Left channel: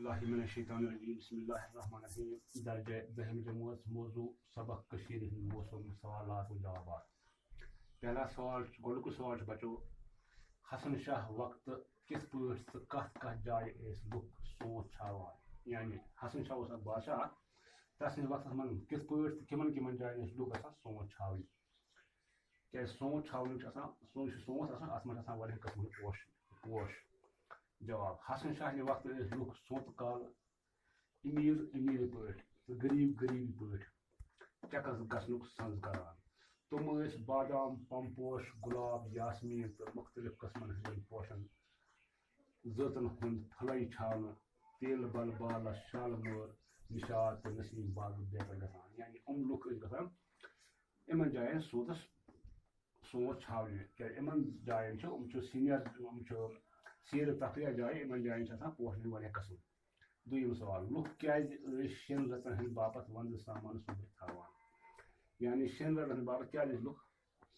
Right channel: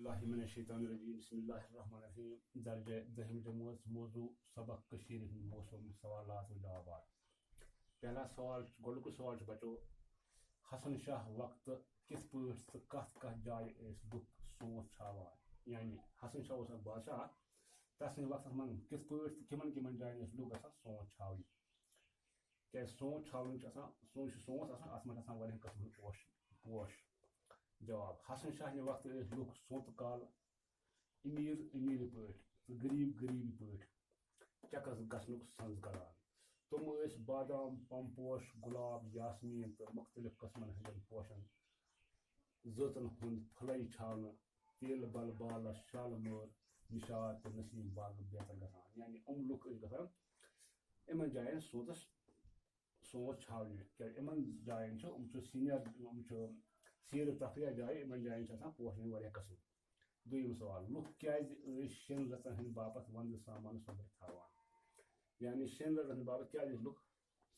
باللہ من الشیطان الرجیم بسم اللہ الرحمن الرحیم درجہ دہم جماعت موضوع سبق کشیر ہند موسم سوالات و جوابات پہلا سوال گۄڈنیُک سوال چھُ بچو حسن شاہ وقت کِتھ پٲٹھۍ تہٕ کتھ کتھ جایہِ ٲسۍ لُکھ سونٛت چھاوان یعنی حسن شاہ اوس اکھ بادشاہ تس سٕنٛدِس وقتس منٛز کِتھ پٲٹھۍ تہٕ کِمن کِمن جاین ٲسۍ لُکھ گژھان سونٛت چھاونہِ کیازِ سونٛت چھاونہٕ چھُ آسان سونٛت آسان اتھ منٛز چھِ آسان واریاہ قٕسمٕکۍ پوش جواب حسن شاہ نہِ وقتہٕ ٲسۍ لُکھ سونٛتہٕ کالہٕ أمیٖر پٲٹھۍ تہٕ غریٖبی پٲٹھۍ چکرس گژھنُک سنٛز کران تِم ٲسۍ بادام پمپوش گُلاب یاسمیٖن تہٕ مختلف قٕسمن ہٕنٛدٮ۪ن پوشن زٲژن ہُنٛد پھلے چھاونہٕ تیلہٕ بل بالس شالہٕ مٲر نشاط تہٕ نسیٖم باغ بیتر گژھان یعنی لُکھ ٲسۍ گژھان یِمن جاین سونٛت چھاونہِ کیازِ یِمن جاین چھِ سیرِ تفریح جایہِ یِمن جاین چھِ آسان پوشن ہٕنٛدۍ واریاہ قٕسم دوٚیِم سوال لُکھ کیازِ ٲسۍ شٮ۪ن رٮ۪ژن ہٕنٛدِ باپتھ ونٛدٕ سامان سوٚمبرِتھ تھاوان یعنی شٮ۪ن رٮ۪تن ہٕنٛدِ باپتھ کیازِ ٲسۍ لُکھ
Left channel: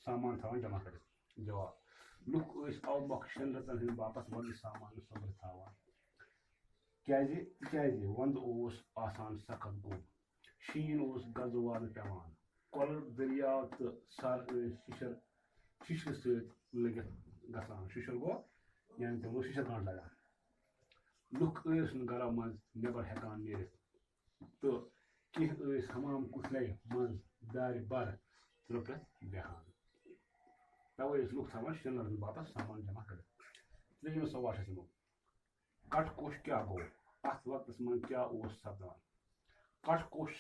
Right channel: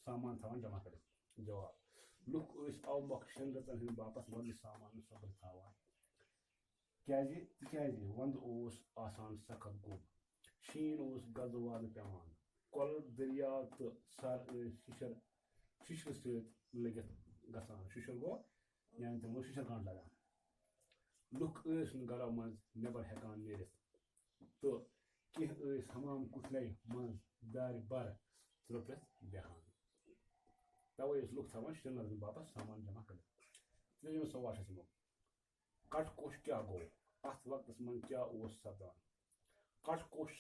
سامان تھاوان جمع کٔرِتھ جواب لُکھ ٲسۍ اَوٕ مۄکھٕ شٮ۪ن رٮ۪ژن ہٕنٛدِ باپتھ ونٛدٕ سامان سوٚمبرِتھ تھاوان تِکیازِ ونٛدٕ اوس آسان سخت گوٚب شیٖن اوس گزٕ والہٕ پٮ۪وان کۄلہٕ دٔریاو تہٕ سر ٲسۍ شِشرِ سۭتۍ لٔگِتھ گژھان شِشُر گوٚو یعنی تِمن اوس شِشر گانٛٹ لگان لُکھ ٲسۍ نہٕ گرو منٛز نٮ۪بر ہٮ۪کان نیٖرِتھ تہٕ کینٛہہ ٲسۍ حمام کُٹھلے منٛز دارِ بر ترٛپرِتھ بیٚہوان توے ٲسۍ لُکھ تھاوان شٮ۪ن رٮ۪تن باپتھ سامان جمع کٔرِتھ ترٛیٚیِم سوال چھُ یِمو کٹھ کوٚش کیٛاہ گوٚو اتھ وقتس منٛز کیٛاہ اوس سپدان کٹھ کوٚش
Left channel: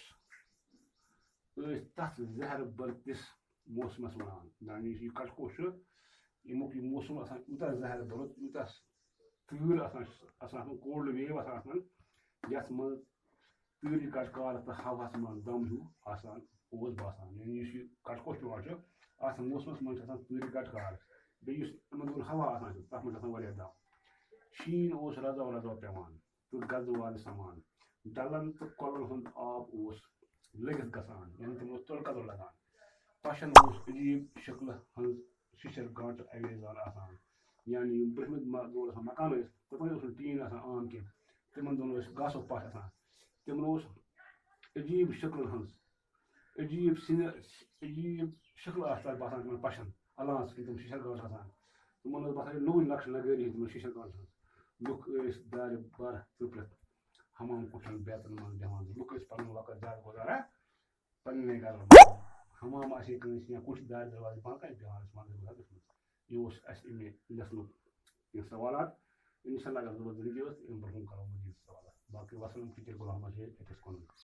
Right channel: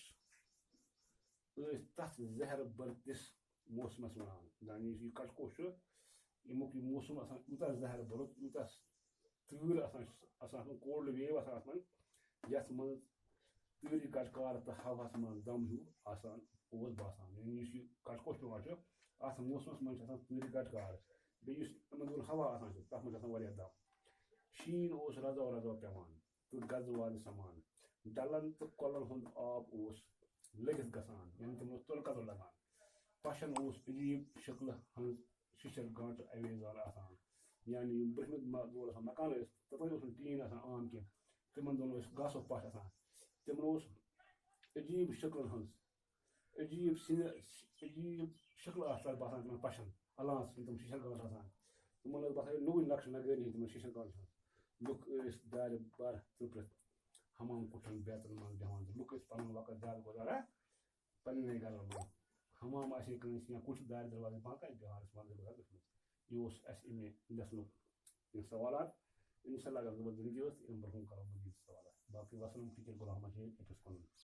ٲسۍ تتھ زہر بٔرتِس موسمس ونان یعنی یُس یہِ کٹھ کوٚش چھُ ییٚمیُک یہِ موسم آسان یوٗتاہ زہر بوٚرُت یوٗتاہ تۭر آسان کولڈ ویو آسان اتھ منٛز یتھ منٛز تۭرِ کٹکارٕ تہٕ ہوہس منٛز دم ہیوٗ آسان اوس باسان یعنی یُس یہِ کٹھ کوٚش پیوان چھُ اتھ موسمس منٛز چھِ آسان تۭرِ کٹکار بیٚیہِ یُس یِمن دۄہن ہوا آسان چھُ تتھ منٛز چھُ آسان واریاہ دم شیٖن اوس رزو پیوان تہٕ گزٕ والہِ سمان ڈلن تہٕ کۄلن ہُنٛد آب اوس لٔگِتھ گژھان یعنی تِمن اوس تُلہٕ کَتُر لگان پشن اوس عجیٖب شکلہِ ہٕنٛز شِشر گانٛٹہٕ اَویزان آسان یعنی یِم برٛونٛہمہِ دور آسان مکان ٲسۍ تِمن اوس نہٕ ٹیٖن آسان عام کینٛہہ تِمن دۄہن اوس گاسُک پش آسان تِمن اوس عجیٖب شکلن ہٕنٛز عجیٖب شکل آسہٕ تتھ باسان تِمن پشن الان تِم شِشر گانٛٹھ آسان تِمن اوس باسان نوٚوٕے نقشہٕ نگٲری تِمن شِشر گانٛٹھن ہٕنٛز لُکھ ٲسۍ دارِ بر ترٛپرِتھ حمام کُٹھٮ۪ن بیتن منٛز بیٚہوان لُکھ ٲسۍ پنُن وقت زیادٕ گُزاران پننہِ گرن منٛز حمام آسہِ ہے کٲنٛسہِ یا کُٹھ دارِ دروازٕ بنٛد کرِ بیٚہوان ٲسۍ ونٛدٕ گُزاران تٔتھۍ منٛز یہِ اوس اسہِ امہِ لیٚسنُک یہِ سوالات انشاء اللہ اگر ضروٗرت ٲس امہِ برٛونٛہہ کرو مزیٖد سوالات باقٕے وسلام ٹیٖچر غلام محمد شیخ